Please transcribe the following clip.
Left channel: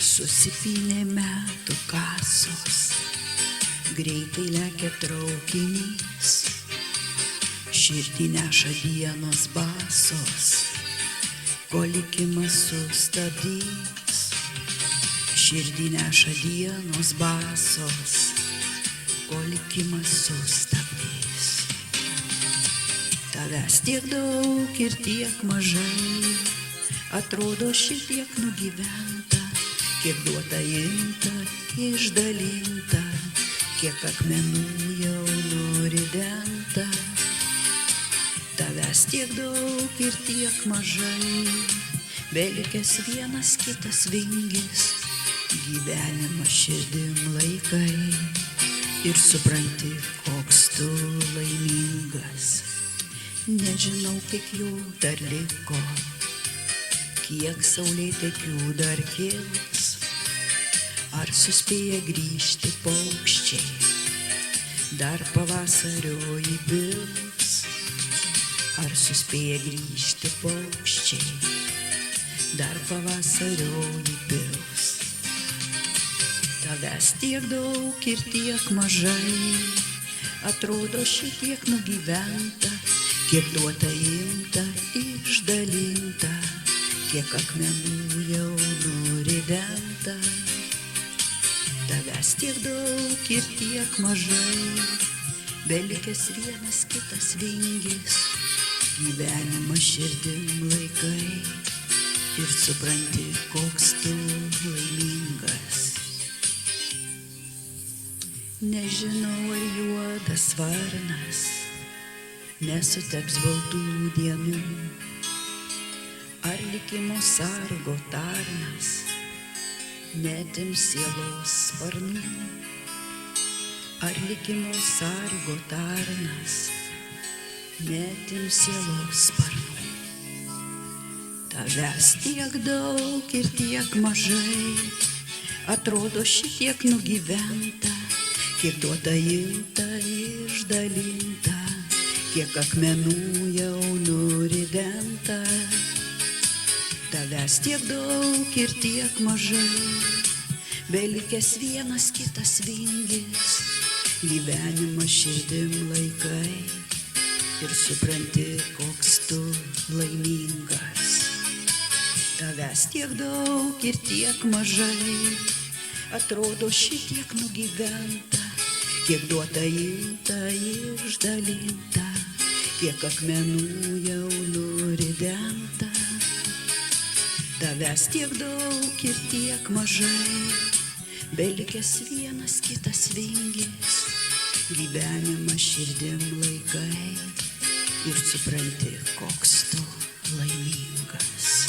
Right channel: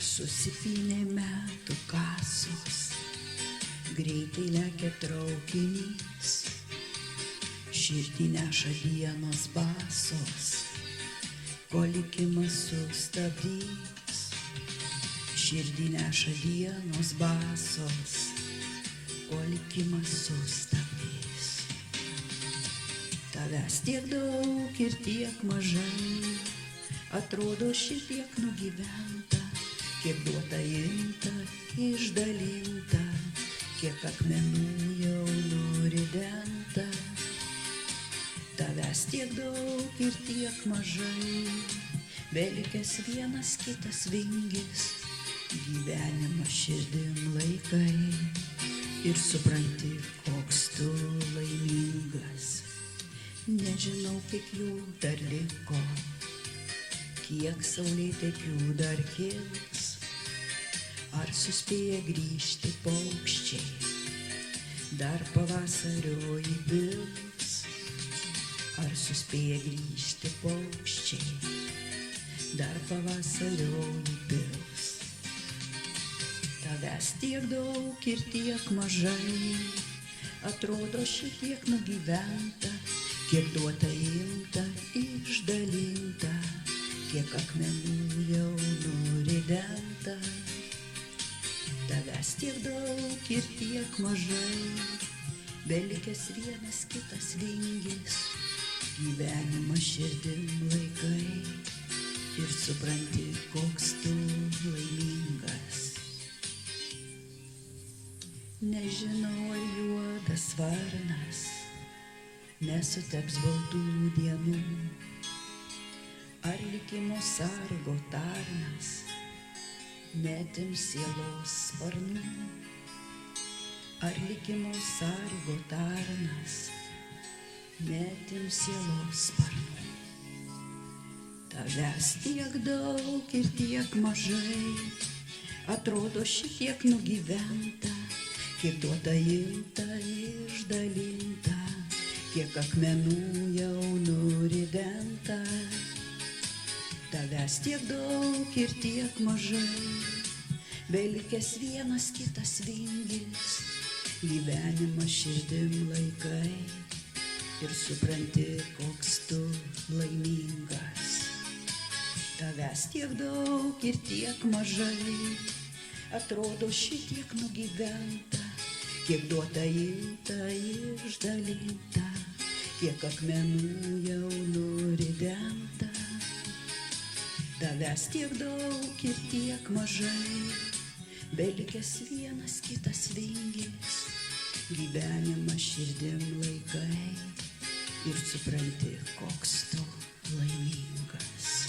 Susipynė metų kasos, greitai lekia traukinys, širdį neša dienos basos, ko likimas sustabdys. Širdį neša dienos basos, ko likimas sustabdys. Tavęs tiek daug ir tiek mažai, atrodo šitiek nugyventa, kiek duota imta, išdalinta, kiek akmenų jau nuridenta. Tavęs tiek daug ir tiek mažai, belikęs vienas kitas vingis, gyvenimą širdim laikai ir supranti, koks tu laimingas. Nežinau, kiek jų dar liko, kiek saulėtekių dar kils, ar suspėja grįžti paukščiai, dar pavasario įpils. Ar suspėja grįžti paukščiai, dar pavasario įpils. Tavęs tiek daug ir tiek mažai, atrodo šitiek nugyventa, kiek duota imta, išdalinta, kiek akmenų jau nuridenta. Tavęs tiek daug ir tiek mažai, belikęs vienas kitas vingis, gyvenimą širdim laikai ir supranti, koks tu laimingas. Nežinau, ar juodas varnas nesuteps baltų dienų, ar likimo sargo tarnas netims sielos sparnų, ar likimo sargo tarnas netims sielos sparnų. Tavęs tiek daug ir tiek mažai, atrodo šitiek nugyventa, kiek duota imta, išdalinta, kiek akmenų jau nuridenta. Tavęs tiek daug ir tiek mažai, belikęs vienas kitas vingis, gyvenimą širdim laikai ir supranti, koks tu laimingas. Tavęs tiek daug ir tiek mažai, atrodo šitiek nugyventa, kiek duota imta, išdalinta, kiek akmenų jau nuridenta. Tavęs tiek daug ir tiek mažai, belikęs vienas kitas vingis, gyvenimą širdim laikai ir supranti, koks tu laimingas.